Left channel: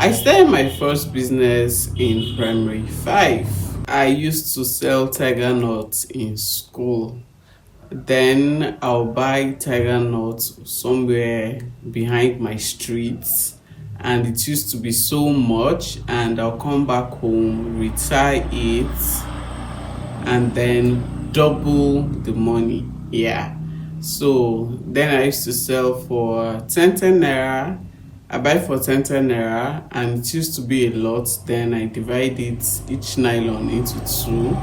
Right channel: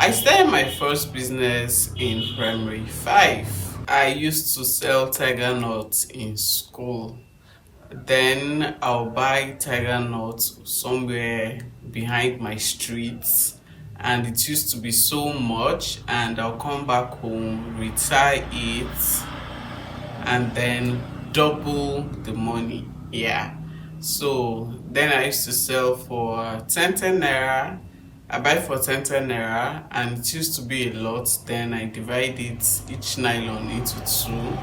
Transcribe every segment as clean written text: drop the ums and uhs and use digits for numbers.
I started my first business in primary 5. I used to sell tiger nuts in school. Then I'll buy tiger nuts somewhere behind my street, and it used to be so much, and I'll come back home, retire it, and then double the money. Yeah. So then I used to sell for 10 naira. I buy for 10 naira, and it used to be a lot. Then I divide it each nylon into two.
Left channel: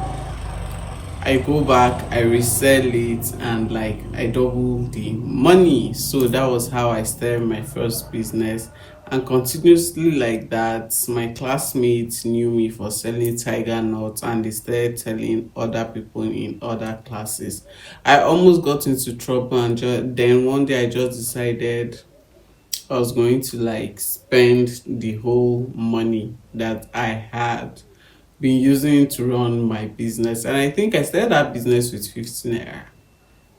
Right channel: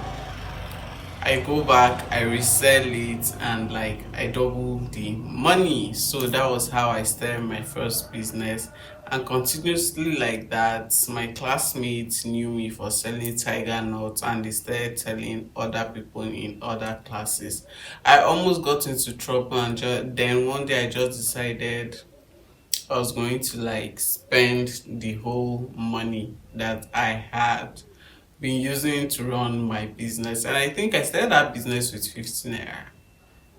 I go back, I resell it, and like I double the money. So that was how I started my first business. And continuously like that, my classmates knew me for selling tiger nuts, and they started telling other people in other classes. I almost got into trouble, and then one day I just decided I was going to like spend the whole money that I had been using to run my business. And I think I started that business with 15 naira,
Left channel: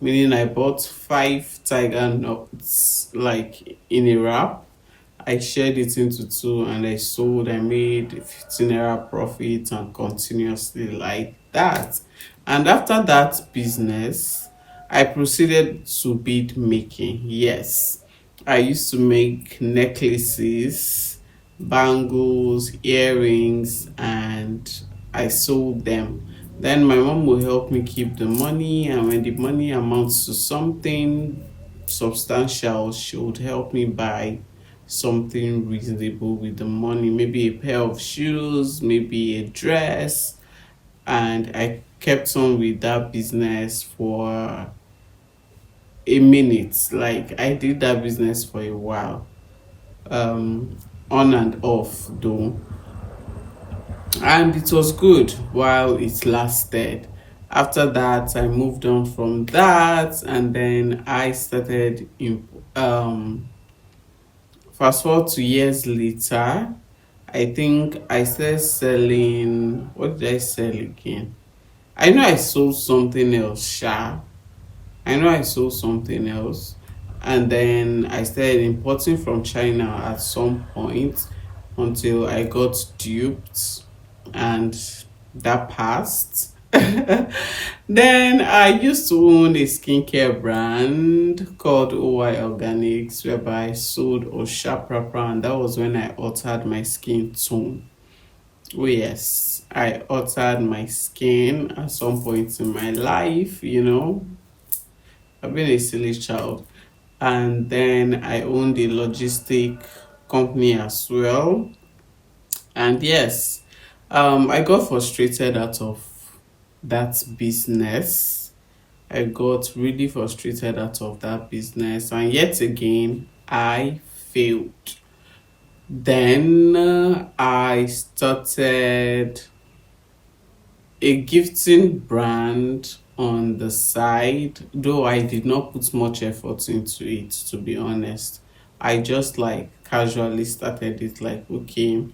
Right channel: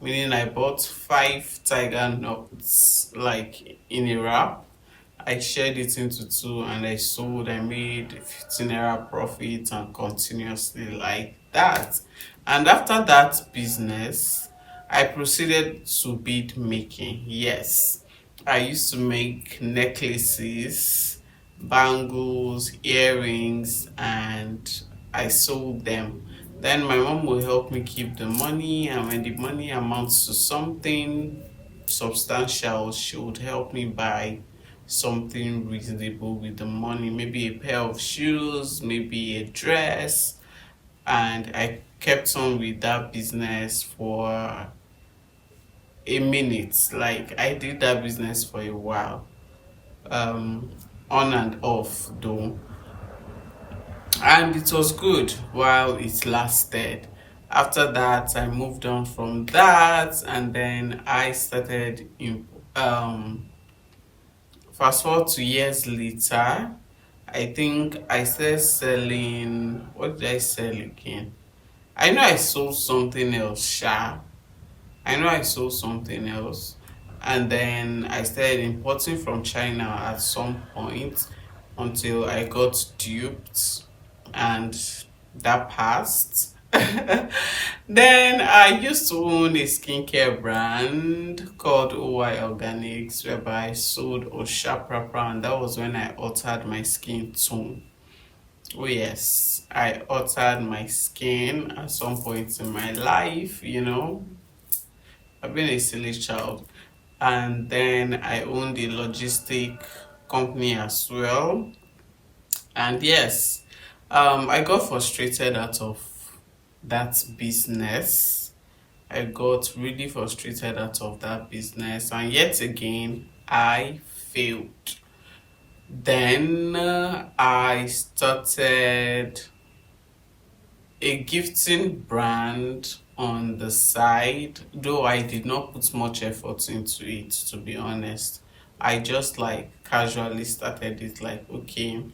meaning I bought 5 tiger nuts like in a wrap. I shared it into two and I sold. I made 15 naira profit, and continuously like that. And after that business, I proceeded to bead making. Yes, I used to make necklaces, bangles, earrings, and I sold them. Then my mom will help me keep the money, and when the money amounts to something substantial, she would help me buy something reasonable with the money, maybe a pair of shoes, maybe a dress. And I kept on with that business for a minute. Like I did that business for a while, um on and off though, and it was good while it lasted. After that, I moved on from that, and then I started in fast forward to years later. I think I started selling. What did I sell again? I know I sold something else, Sha. I know I sold something else. And then I started importing from China at some point until I got duped, and that passed. Then I used to own a skincare brand called OY Organics, whereby I sold Osha Proper, and that was when I altered my skin tone. Oh yes, I altered my skin at some point in my life, I've been a silly child. And then I owned a logistic company as well. And yes, I got frustrated out of that business. I got really frustrated out of that business, and yet again, I failed. Then I started a gifting brand on the side, though I did not put much effort into it, to be honest. I just like casually started it, like, okay,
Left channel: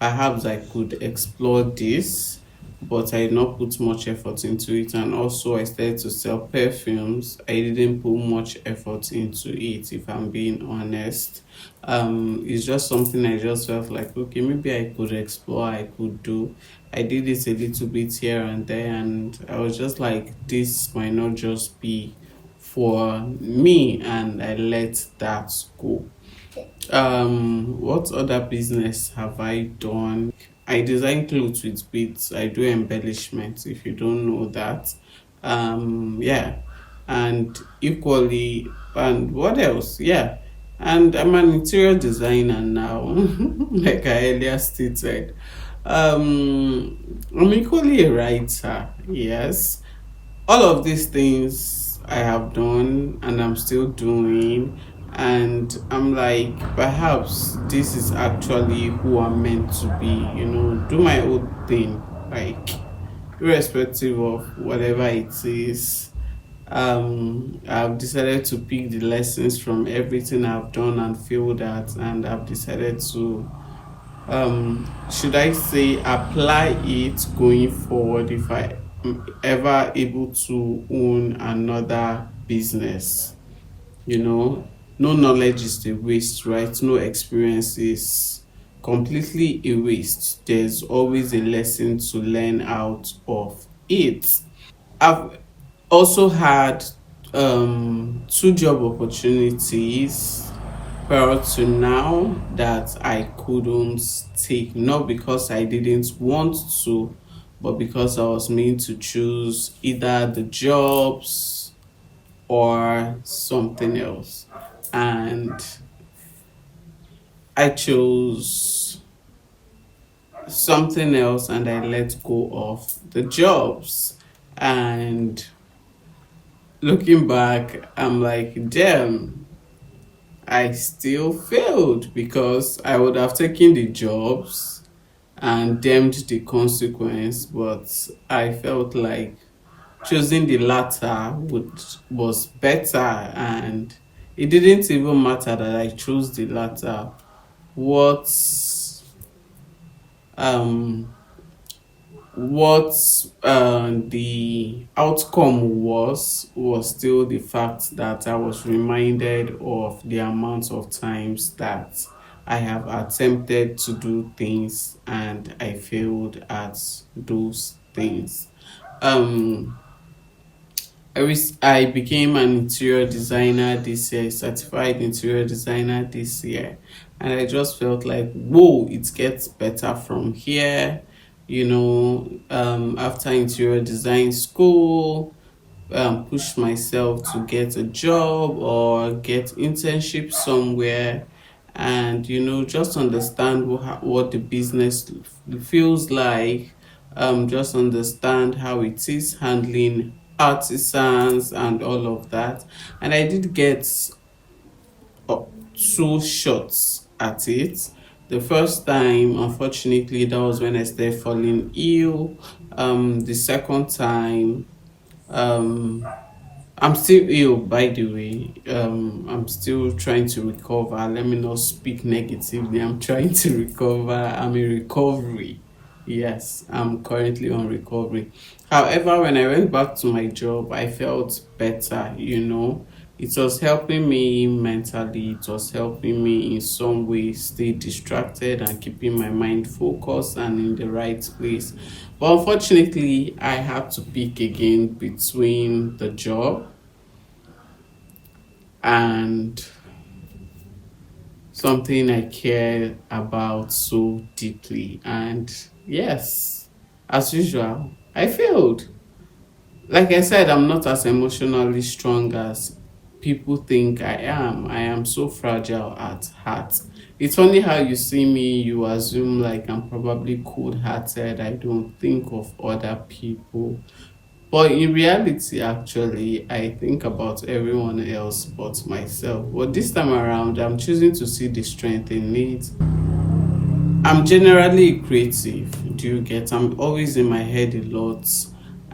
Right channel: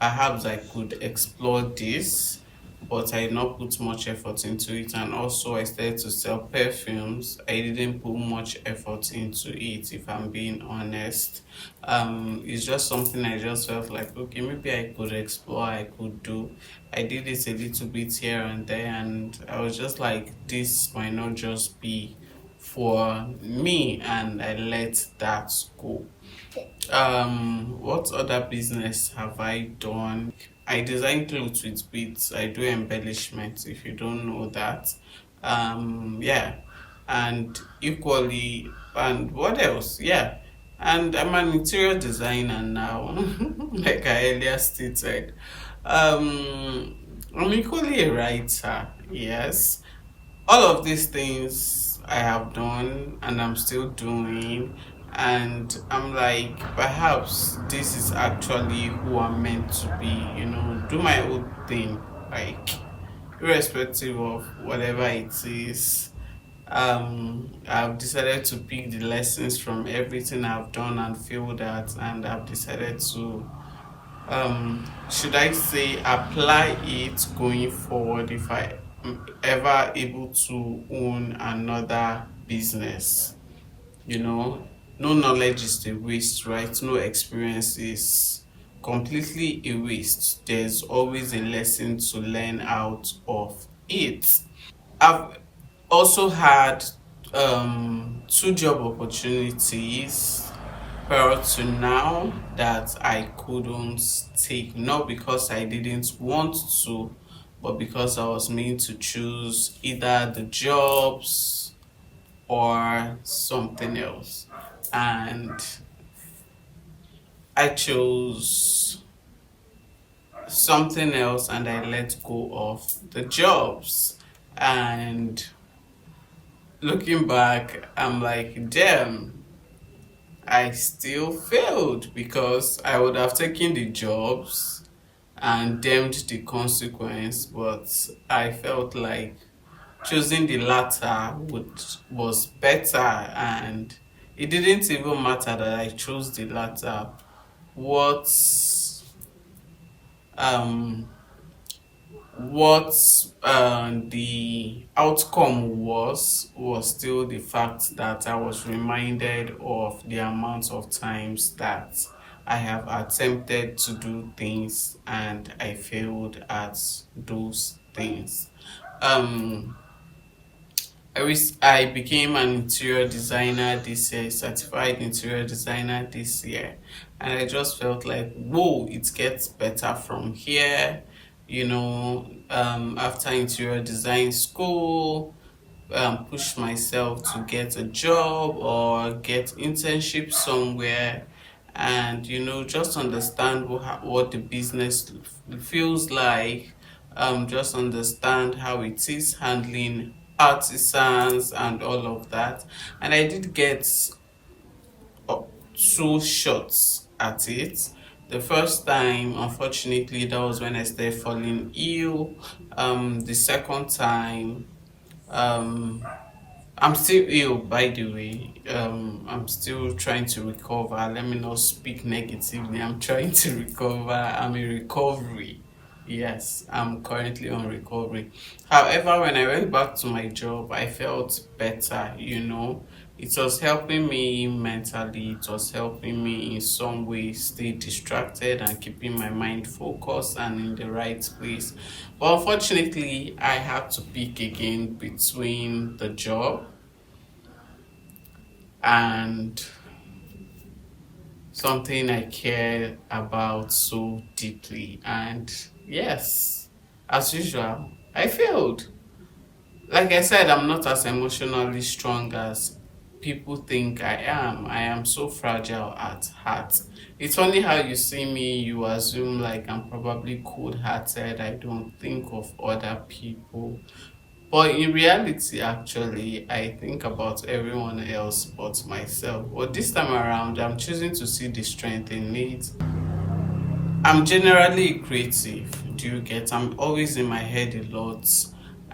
perhaps I could explore this, but I did not put much effort into it. And also, I started to sell perfumes. I didn't put much effort into it, if I'm being honest. It's just something I just felt like, okay, maybe I could explore, I could do. I did it a little bit here and there, and I was just like, this might not just be for me, and I let that go. What other business have I done? I design clothes with beads. I do embellishments, if you don't know that. Yeah, and equally, and what else? Yeah, and I'm an interior designer now, like I earlier stated. I'm equally a writer. Yes, all of these things I have done and I'm still doing, and I'm like, perhaps this is actually who I'm meant to be, do my own thing, like irrespective of whatever it is. I've decided to pick the lessons from everything I've done and feel that, and I've decided to should I say apply it going forward if I am ever able to own another business. No knowledge is a waste, right? No experience is completely erased, there's always a lesson to learn out of it. I've also had two job opportunities prior to now that I couldn't take, not because I didn't want to, but because I was meant to choose either the jobs or something else. And I chose something else and I let go of the jobs. And looking back, I'm like, damn, I still failed because I would have taken the jobs and damned the consequence, but I felt like choosing the latter was better, and it didn't even matter that I chose the latter. What um what the outcome was still the fact that I was reminded of the amount of times that I have attempted to do things and I failed at those things. um I became an interior designer this year, certified interior designer this year, and I just felt like, whoa, it gets better from here. After interior design school, push myself to get a job or get internship somewhere, and just understand what the business feels like. Just understand how it is handling artisans and all of that. And I did get two shots at it. The first time, unfortunately, that was when I started falling ill. The second time, um I'm still ill, by the way. I'm still trying to recover. Let me not speak negatively. I'm trying to recover. I'm in recovery. Yes, I'm currently on recovery. However, when I went back to my job, I felt better. It was helping me mentally, it was helping me in some way stay distracted and keeping my mind focused and in the right place. But unfortunately, I had to pick again between the job and something I care about so deeply. And yes, as usual, I failed. Like I said, I'm not as emotionally strong as people think I am. I am so fragile at heart. It's only how you see me, you assume like I'm probably cold hearted. I don't think of other people. But in reality, actually, I think about everyone else but myself. But this time around, I'm choosing to see the strength in it. I'm generally creative. Do you get? I'm always in my head a lot,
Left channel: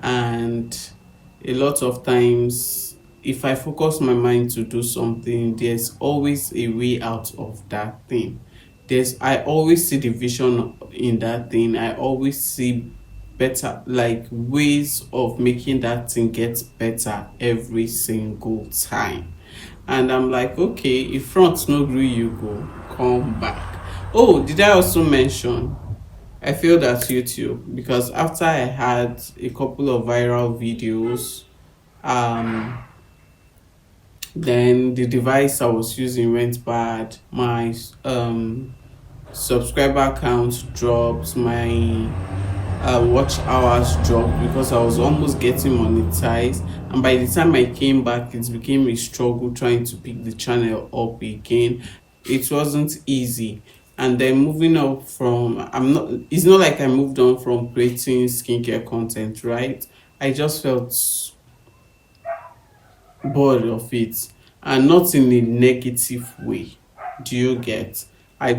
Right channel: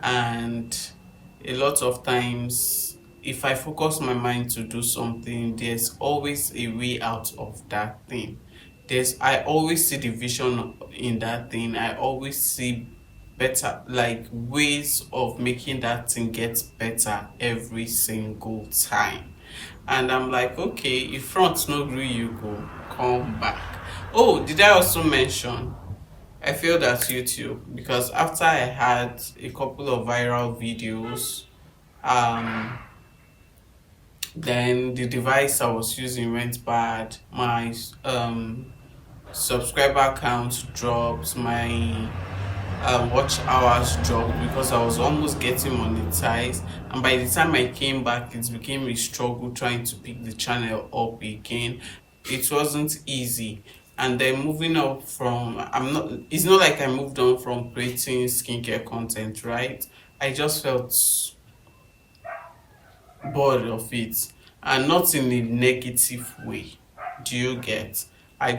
and a lot of times, if I focus my mind to do something, there's always a way out of that thing. I always see the vision in that thing. I always see better, like ways of making that thing get better every single time. And I'm like, okay, if front no gree you go, come back. Oh, did I also mention I failed at YouTube because after I had a couple of viral videos, um, then the device I was using went bad. My subscriber count dropped. My watch hours dropped because I was almost getting monetized. And by the time I came back, it became a struggle trying to pick the channel up again. It wasn't easy. And then moving up from, it's not like I moved on from creating skincare content, right? I just felt bored of it, and not in a negative way. Do you get? I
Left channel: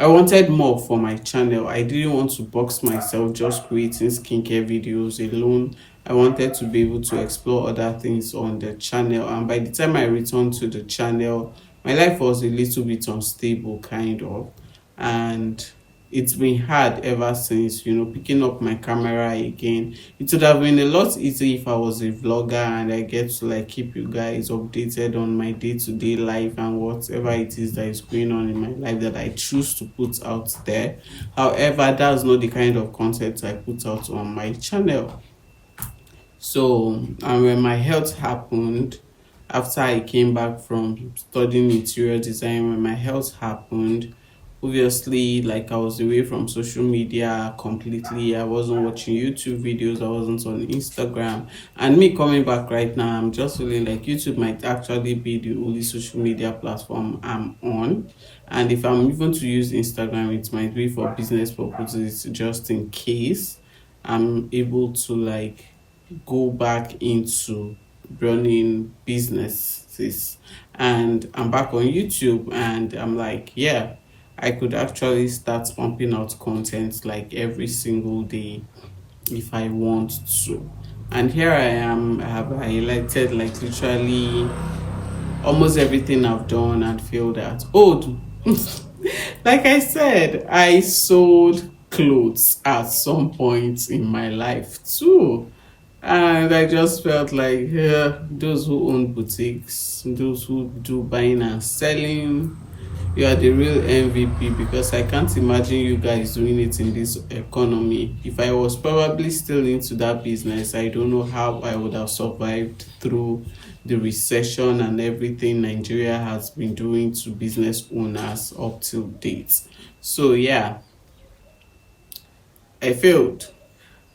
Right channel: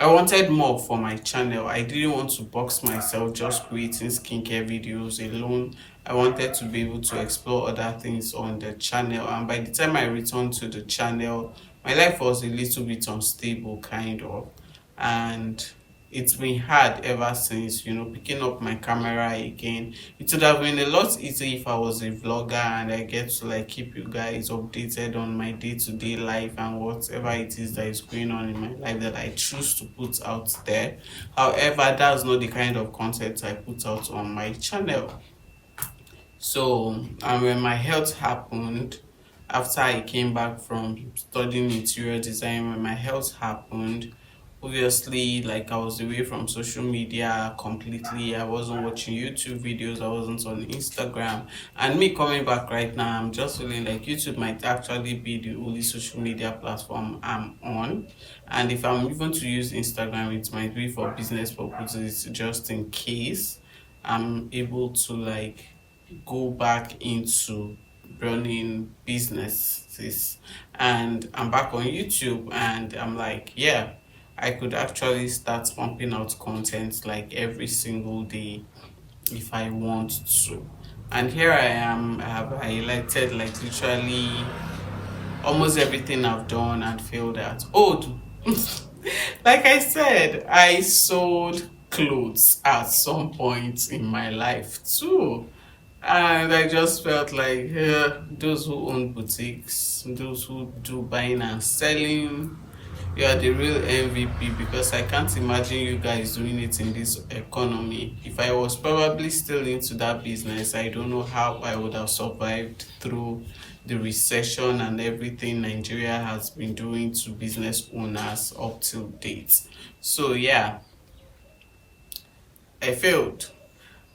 wanted more for my channel. I didn't want to box myself just creating skincare videos alone. I wanted to be able to explore other things on the channel. And by the time I returned to the channel, my life was a little bit unstable, kind of. And it's been hard ever since, picking up my camera again. It would have been a lot easier if I was a vlogger and I get to like keep you guys updated on my day-to-day life and whatever it is that is going on in my life that I choose to put out there. However, that's not the kind of content I put out on my channel. So, and when my health happened, after I came back from studying interior design, when my health happened, obviously, like, I was away from social media completely. I wasn't watching YouTube videos, I wasn't on Instagram. And me coming back right now, I'm just feeling like YouTube might actually be the only social media platform I'm on. And if I'm even to use Instagram, it might be for business purposes, just in case I'm able to like go back into running businesses. And I'm back on YouTube and I'm like, yeah, I could actually start pumping out content like every single day if I want to. And here I am. I have highlighted like literally almost everything I've done and failed at. Oh, like I said, I sold clothes at some point in my life too. And I just felt like those who own boutiques, those who do buying and selling, you are the real MVP, because I can't imagine you guys doing it in this economy. If I was probably still into that business, I don't know how I would have survived through the recession and everything Nigeria has been doing to business owners up till date. So yeah, I failed.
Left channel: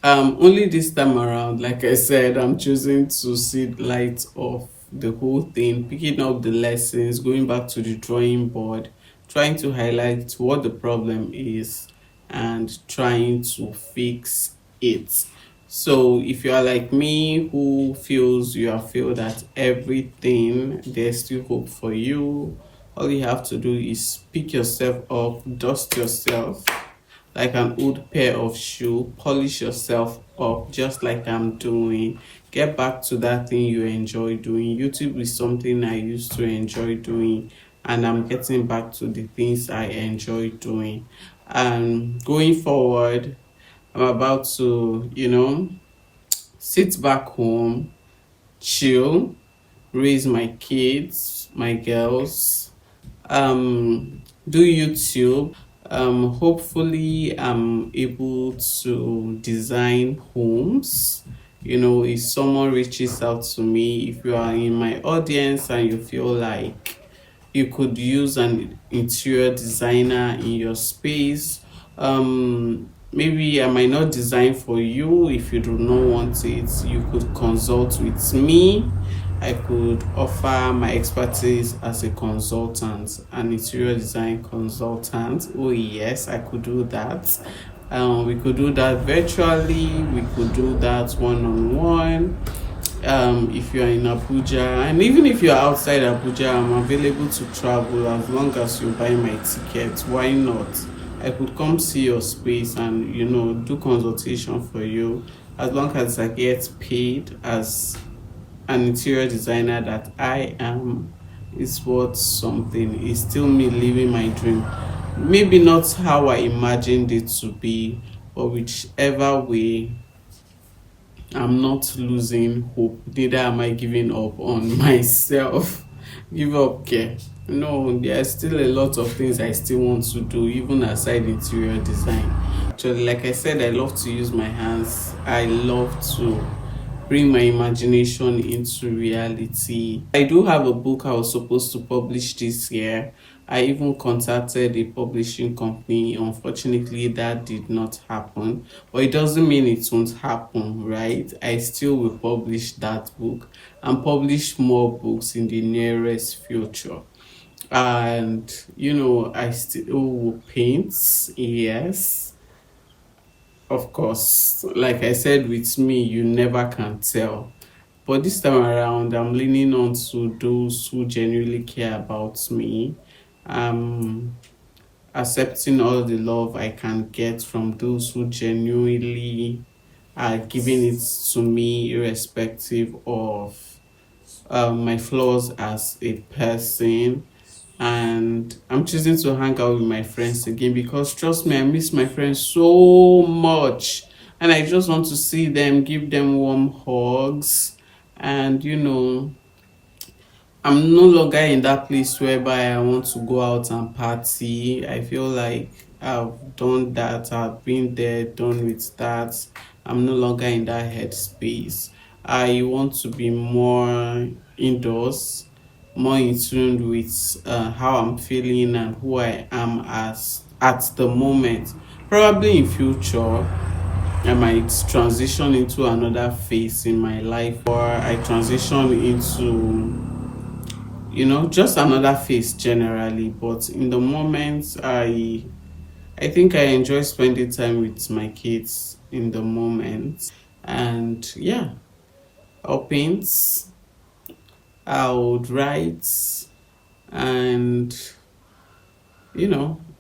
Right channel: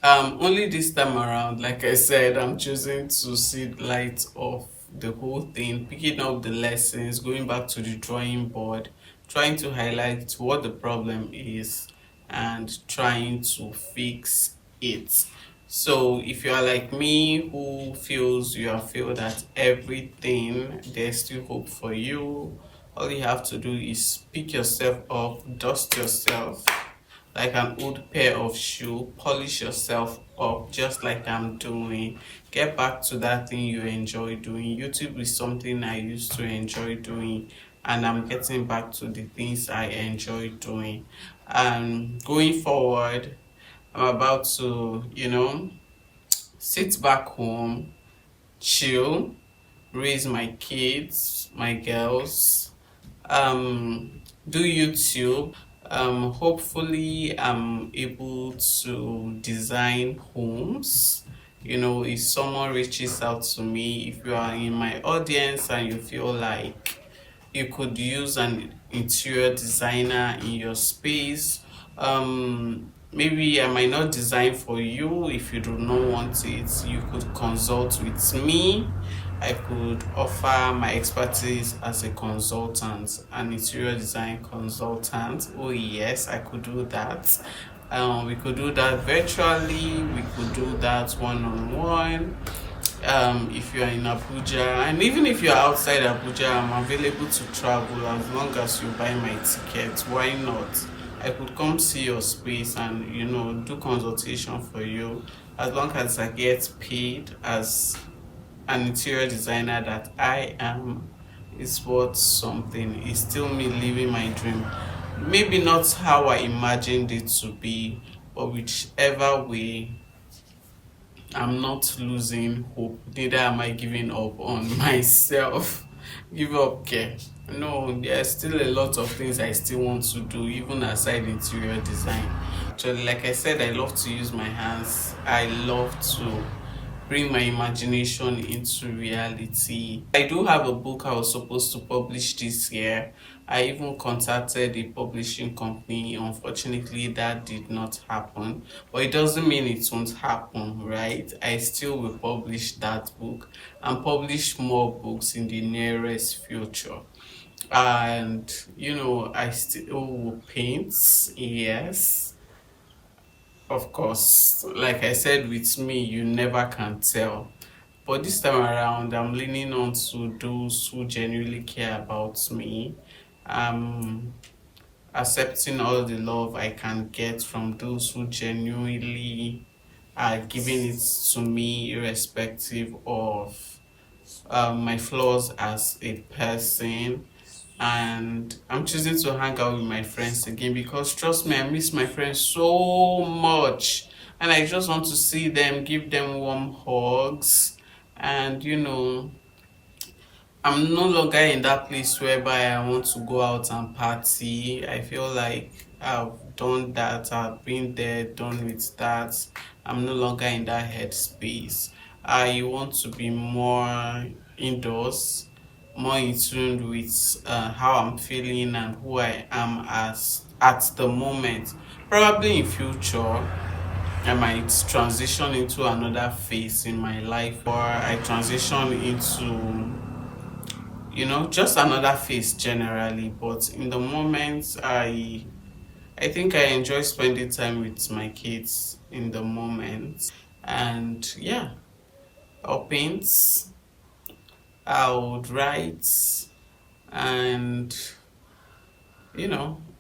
Only this time around, like I said, I'm choosing to see the light of the whole thing, picking up the lessons, going back to the drawing board, trying to highlight what the problem is and trying to fix it. So if you are like me who feels you have failed at everything, there's still hope for you. All you have to do is pick yourself up, dust yourself like an old pair of shoe, polish yourself up just like I'm doing. Get back to that thing you enjoy doing. YouTube is something I used to enjoy doing, and I'm getting back to the things I enjoy doing. Going forward, I'm about to, sit back home, chill, raise my kids, my girls, do YouTube. Hopefully I'm able to design homes. If someone reaches out to me, if you are in my audience and you feel like you could use an interior designer in your space, maybe I might not design for you. If you do not want it, you could consult with me. I could offer my expertise as a consultant, an interior design consultant. Oh yes, I could do that. We could do that virtually, we could do that one-on-one. If you are in Abuja, and even if you are outside Abuja, I'm available to travel as long as you buy my ticket. Why not? I could come see your space and do consultation for you, as long as I get paid as an interior designer that I am. Is worth something. It's still me living my dream. Maybe not how I imagined it to be, but whichever way, I'm not losing hope. Neither am I giving up on myself. Give up, care. No, there are still a lot of things I still want to do, even aside interior design. Actually, like I said, I love to use my hands. I love to bring my imagination into reality. I do have a book I was supposed to publish this year. I even contacted a publishing company. Unfortunately, that did not happen. But it doesn't mean it won't happen, right? I still will publish that book and publish more books in the nearest future. And I still will paint, yes. Of course, like I said, with me, you never can tell. But this time around, I'm leaning on to those who genuinely care about me. Accepting all the love I can get from those who genuinely are giving it to me, irrespective of my flaws as a person. and I'm choosing to hang out with my friends again because trust me, I miss my friends so much, and I just want to see them, give them warm hugs, and I'm no longer in that place whereby I want to go out and party. I feel like I've done that, I've been there, done with that. I'm no longer in that headspace. I want to be more indoors, more in tune with how I'm feeling and who I am as at the moment. Probably in future, I might transition into another phase in my life, or I transition into just another phase generally. But in the moment, I think I enjoy spending time with my kids in the moment. And yeah, I'll paint, I would write, and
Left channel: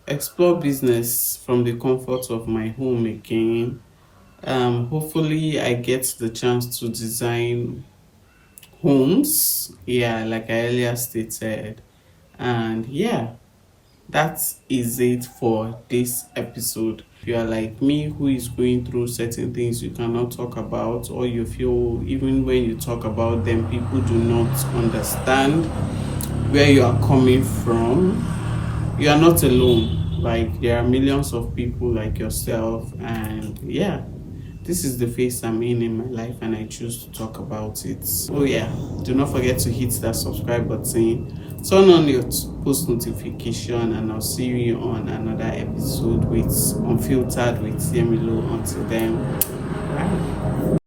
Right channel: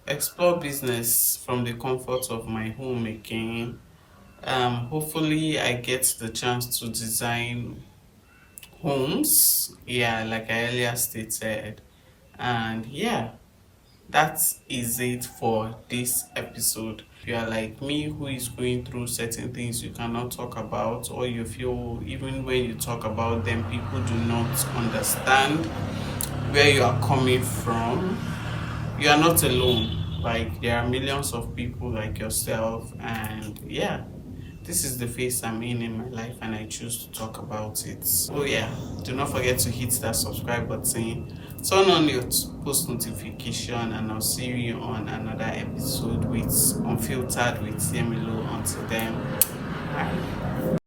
explore business from the comfort of my home again. Hopefully I get the chance to design homes, yeah, like I earlier stated. And yeah, that is it for this episode. If you are like me, who is going through certain things you cannot talk about, or you feel even when you talk about them, people do not understand where you are coming from, you are not alone. Like, there are millions of people like yourself, and yeah, this is the phase I'm in my life, and I choose to talk about it. So yeah, do not forget to hit that subscribe button, turn on your post notification, and I'll see you on another episode with Unfiltered with Yemilo. Until then, bye.